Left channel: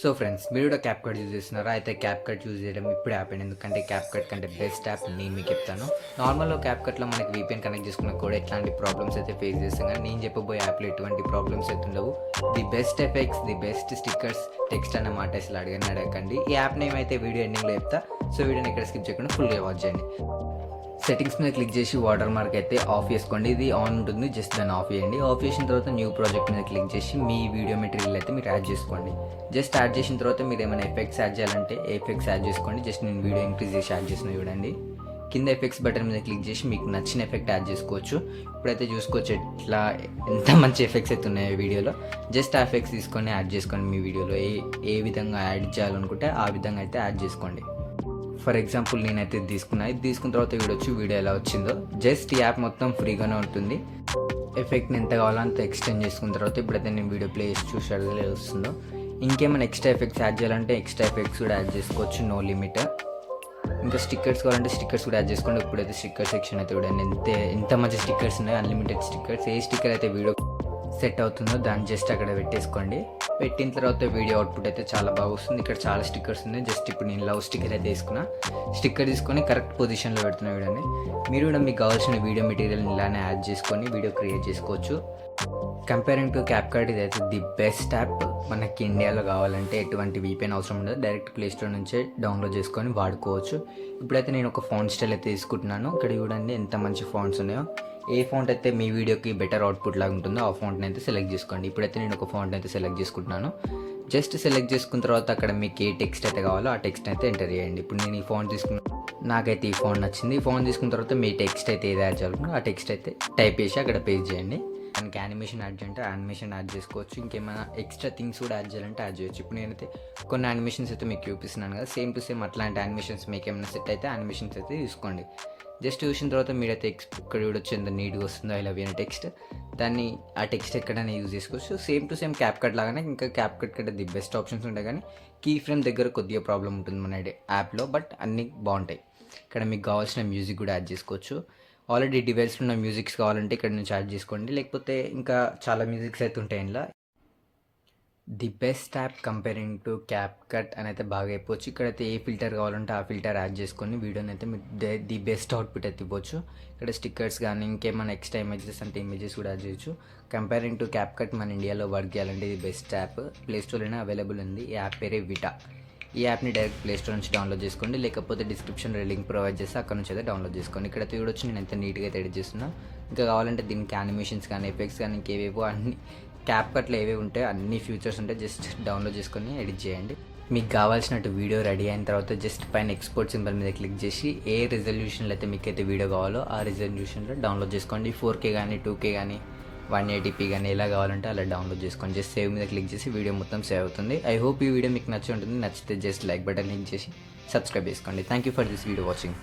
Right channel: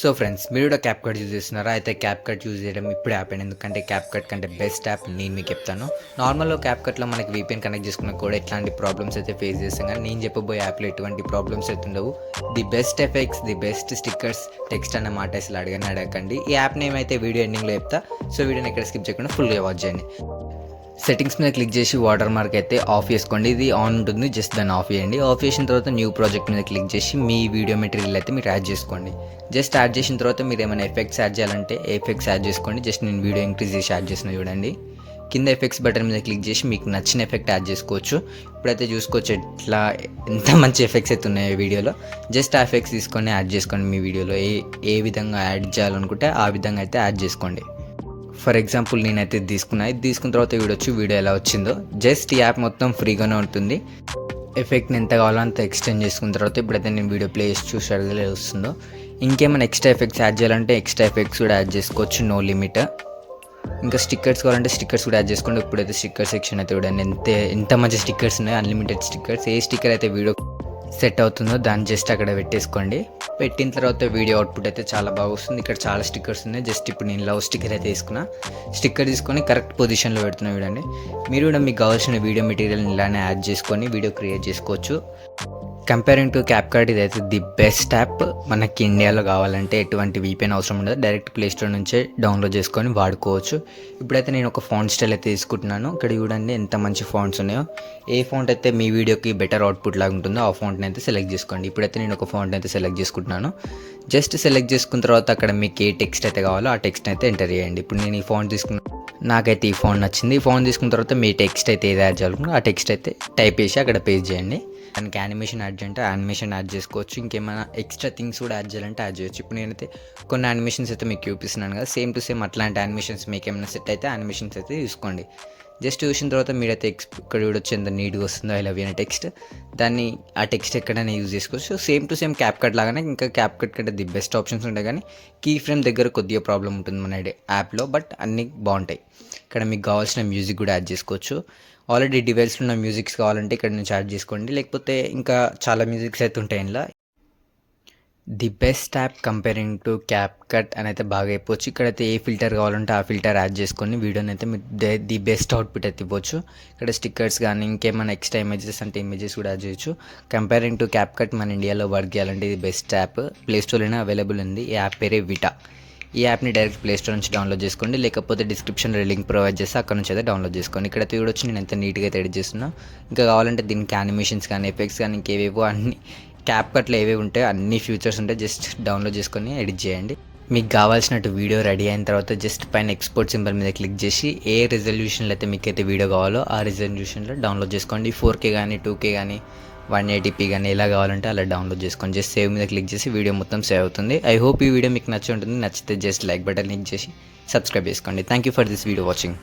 So friends మీరు కూడా cap cut use చేస్తున్నారా? అయితే క్యాప్ కట్ యూజ్ చేయడం ఇప్పుడే యాప్ ఎందుకంటే క్యాప్ కట్ కంటే బెస్ట్ యాప్ నేను మీకు చెప్తాను. నార్మల్గా క్యాప్ కట్లో మనకి వీపీఎన్ కనెక్ట్ చేసుకున్న కూడా ఎట్లాంటి ప్రాబ్లమ్స్ అయితే ఫేస్ చేస్తాం కానీ నేను చెప్పబోయే యాప్లో ఎటువంటి ప్రాబ్లమ్స్ అయితే ఉండవు. The best effects the best stickers text అన్న మాట అసలు అడగని అడగండి ఈ యాప్ నేమ్ అయితే వీడియో ఎండింగ్లో చెప్తా. సో వీడియోని ఎక్కడ స్కిప్ చేయకుండా ఫుల్గా వాచ్ చేయండి. సెట్టింగ్స్ మీద క్లిక్ చేసి వాటర్ మార్క్ అయితే ఆఫ్ చేసుకోండి. ఇది ఆన్ ఉంటుంది. జస్ట్ దాన్ని ఆఫ్ చేయండి. ఆఫ్ చేసిన తర్వాత న్యూ ప్రాజెక్ట్ మీద క్లిక్ చేసి మీ వీడియో మెటీరియల్ అయితే మీరు యాడ్ చేసుకోండి. జస్ట్ యాడ్ చేసిన తర్వాత మీరు ఏమైనా ఎఫెక్ట్స్ యాడ్ చేయాలంటే ఎఫెక్ట్స్ యాడ్ చేసుకోండి. జస్ట్ నేను వీడియో ఇంక్రీజ్ చేసి యాడ్ చేసిన చూడండి. కింద ఎఫెక్ట్స్ బటన్ మీద క్లిక్ చేసి మీకు నచ్చిన ఎఫెక్ట్ యాడ్ చేసుకోవచ్చు. ఇప్పుడైతే చూసుకోవచ్చు ఎట్లా ఎంత మంచి ఎఫెక్ట్స్ అయితే ఉన్నాయో వీడియోలో జస్ట్ ఆ ఎఫెక్ట్స్ తీసుకొని యాడ్ చేసుకోండి మీ వీడియోలో ఏ ఏ విధంగా యాడ్ చేయాలనుకుంటే ఆ విధంగా అయితే యాడ్ చేసుకోండి. ఫర్ ఎగ్జాంపుల్ నేనైతే ఇది తీసుకున్నా. ఇది తీసుకున్న తర్వాత వీడొచ్చి వీడియో ఎలా వచ్చిందో. జస్ట్ ఈ యాప్ మొత్తం ఫ్రీగానే ఉంటుంది. ఎఫెక్ట్ని ఎంత కావాలో అంత ఎక్స్టెండ్ చేసుకున్న తర్వాత ఇప్పుడైతే నేను వీడియో ప్లే చేసి చూసాడు వస్తుందో. ఇంకేమైనా ఎక్స్ట్రా ఎఫెక్ట్స్ యాడ్ చేయాలంటే ఎక్స్ట్రా ఎఫెక్ట్స్ కూడా యాడ్ చేసుకోవచ్చు. No limit. ఇంకా స్టిక్కర్స్ కావాలంటే స్టిక్కర్స్ కూడా యాడ్ చేసుకోండి. ఇప్పుడైతే స్టిక్కర్ సెక్షన్ అయితే చూడండి. ఎంత ఎంత మంచి స్టిక్కర్స్ ఉన్నాయి. Unlimited stickers. ఏ స్టిక్కర్ అయితే వీడియో సెట్ అవుతుందో దాన్ని జస్ట్ అక్కడ పెట్టేసుకోండి. పెట్టిన తర్వాత వీడియో అవుట్పుట్ అయితే చాలా బాగా వస్తుంది. ఇక్కడ చాలా స్టిక్కర్స్ ఉన్నాయి. జస్ట్ ఇప్పుడు నేను లవ్ స్టిక్కర్ అయితే తీసుకున్నా. స్టిక్కర్ తీసుకొని కరెక్ట్ పొజిషన్లో పెడుతున్నా చూడండి. మీరు కూడా మీకు కావాల్సిన వీడియో మెటీరియల్ ఇలానే యాడ్ చేసుకొని వీడియో క్రియేట్ చేసుకోవచ్చు. కంపేరింగ్ టు క్యాప్ కార్డ్ ఇదైతే ది బెస్ట్ యాప్ మనకి ఇండియాలో కావాలంటే ఎటువంటి వీపీఎన్ అవసరం ఉండదు. డైరెక్ట్ ప్లే స్టోర్ నుంచే డౌన్లోడ్ చేసుకొని వాడుకోవచ్చు. ఇప్పుడైతే నేను ఒక ఫాంట్ స్టైల్ అయితే తీసుకుంటున్నాను. ఇక్కడ చూడండి ఎంత మంచి ఫాంట్స్ ఉన్నాయో. ఏ ఫాంట్ అయితే మీ వీడియోకి బెటర్ అవుట్పుట్ లాగా ఉంటుందో ఆ ఫాంట్ని అయితే సెలెక్ట్ చేసుకోండి. ఇప్పుడైతే నేను ఒక ఫాంట్ అయితే సెలెక్ట్ చేసుకుంటున్నాను. జస్ట్ సెలెక్ట్ చేసుకున్న తర్వాత అక్కడ మీకు ఏ టెక్స్ట్ అయితే కావాలో ఆ టెక్స్ట్ అయితే ఎంటర్ చేయండి. ఇప్పుడు నేను ఈ ఫాంట్ తీసుకున్న నాకైతే ఈ ఫోన్ నచ్చింది. ఈ ఫోన్ తీసుకున్న తర్వాత మీ టెక్స్ట్ అయితే ఏది యాడ్ చేయాలనుకుంటే ఆ టెక్స్ట్ అయితే టైప్ చేసి అక్కడ పేస్ట్ చేయండి. మనకి యానిమేషన్ యాడ్ చేయాలంటే యానిమేషన్ యాడ్ చేసుకోవచ్చు. ఇంకేమైనా ఎక్స్ట్రా థింగ్స్ కూడా యాడ్ చేయాలంటే యాడ్ చేయొచ్చు. ఇప్పుడు నేనైతే కొన్ని యానిమేషన్స్ అయితే మీకు చూపిస్తున్నాను కదా. సేమ్ టు సేమ్ అట్లాంటి యానిమేషన్స్ మీకు ఏమైనా సెట్ అయితే యానిమేషన్స్ అయితే తీసుకోండి. జస్ట్ చూసిన తర్వాత మీరైతే ఎక్స్ ఇక్కడ చూడొచ్చు ఎంత నీట్గా వస్తుందో ఐ లవ్ అనే టెక్స్ట్. దాన్ని ఆ టెక్స్ట్ ఎక్కడైనా యూజ్ చేసుకోవచ్చు. Same to same CapCut లాగానే ఇంకా క్యాప్ కట్ కంటే ది బెస్ట్ ఆప్షన్స్ ఉంటాయి కానీ కీ ఫ్రేమ్ దగ్గర కొద్దిగా ప్రాబ్లం ఉంటుంది మన యాప్లో బట్ అన్నీ బాగుంటాయి. ఇక్కడ మీకు కావాల్సిన మ్యూజిక్ కూడా యాడ్ చేసుకోవచ్చు. ఆల్రెడీ డివైస్లో ఉన్న మ్యూజిక్స్ కావాలంటే ఇక్కడ నుంచి యాడ్ చేసుకోండి. లేకపోతే ఇంకా చాలా మ్యూజిక్స్ అయితే ఉంటాయి ఇందులో. The best app comparing to CapCut అని అయితే బాగా అయిపోవచ్చు ఇక్కడైతే ఏ ఫిల్టర్ కావాలంటే ఆ ఫిల్టర్ యాడ్ చేసుకొని వీడియోని అయితే మీరు ది బెస్ట్ అవుట్పుట్ అయితే ఇవ్వచ్చు. ఇక్కడ స్టిక్కర్స్ కానీ ఇంకేమైనా ఎక్స్ట్రా ఇమేజెస్ అంటే ఇమేజెస్ కూడా యాడ్ చేయొచ్చు. కంపేరింగ్ టు క్యాప్ కట్ మన ఇండియాలో వర్క్ చేయాలంటే ఇది బెస్ట్ యాప్. ప్లే స్టోర్లోనే అవైలబుల్ ఉంది. ఈ యాప్ పేరే విటా ఈ యాప్ని డైరెక్ట్ ప్లేస్టోర్ నుంచి డౌన్లోడ్ చేసుకోండి. లేకపోతే డిస్క్రిప్షన్లో లింక్ ప్రొవైడ్ చేస్తే అక్కడ నుంచి అయితే డౌన్లోడ్ చేసుకోండి. ఇక్కడ చూడొచ్చు నేను ఎంత నీట్గా అయితే ఎడిట్ చేస్తున్నా. ఇంకా కావాలంటే దీనికి యానిమేషన్స్ కానీ ఎఫెక్ట్స్ కానీ ఇంకేవేవో అన్ని క్యాప్ కట్లు ఏవేవి ఉంటాయో అన్ని ఫ్యూచర్స్ ఉంటాయి. జస్ట్ డౌన్లోడ్ చేసుకొని ఎడిట్ చేయండి. మీకు కావాల్సినట్టు వీడియో రెడీ అయిన తర్వాత జస్ట్ పైన ఎక్స్పోర్ట్ సింబల్ మీద క్లిక్ చేసి ఏ రిజల్యూషన్లో అయితే మీకు అయితే వీడియో కావాలో ఆ రిజల్యూషన్లో డౌన్లోడ్ చేసుకోండి. ఫోర్ కే కానీ టూ కే కానీ వన్ ఎయిటీపీ కానీ ఎలా కావాలంటే అలా డౌన్లోడ్ చేసుకొని జస్ట్ సేవ్ మీద క్లిక్ చేసి వీడియో మొత్తం సేవ్ అవుతుంది. ఐ హోప్ ఈ వీడియో మీకు నచ్చి ఉంటుంది. నచ్చితే జస్ట్ లైక్ బటన్ క్లిక్ చేసి సబ్స్క్రైబ్ చేసుకోండి. Thank you for this video watching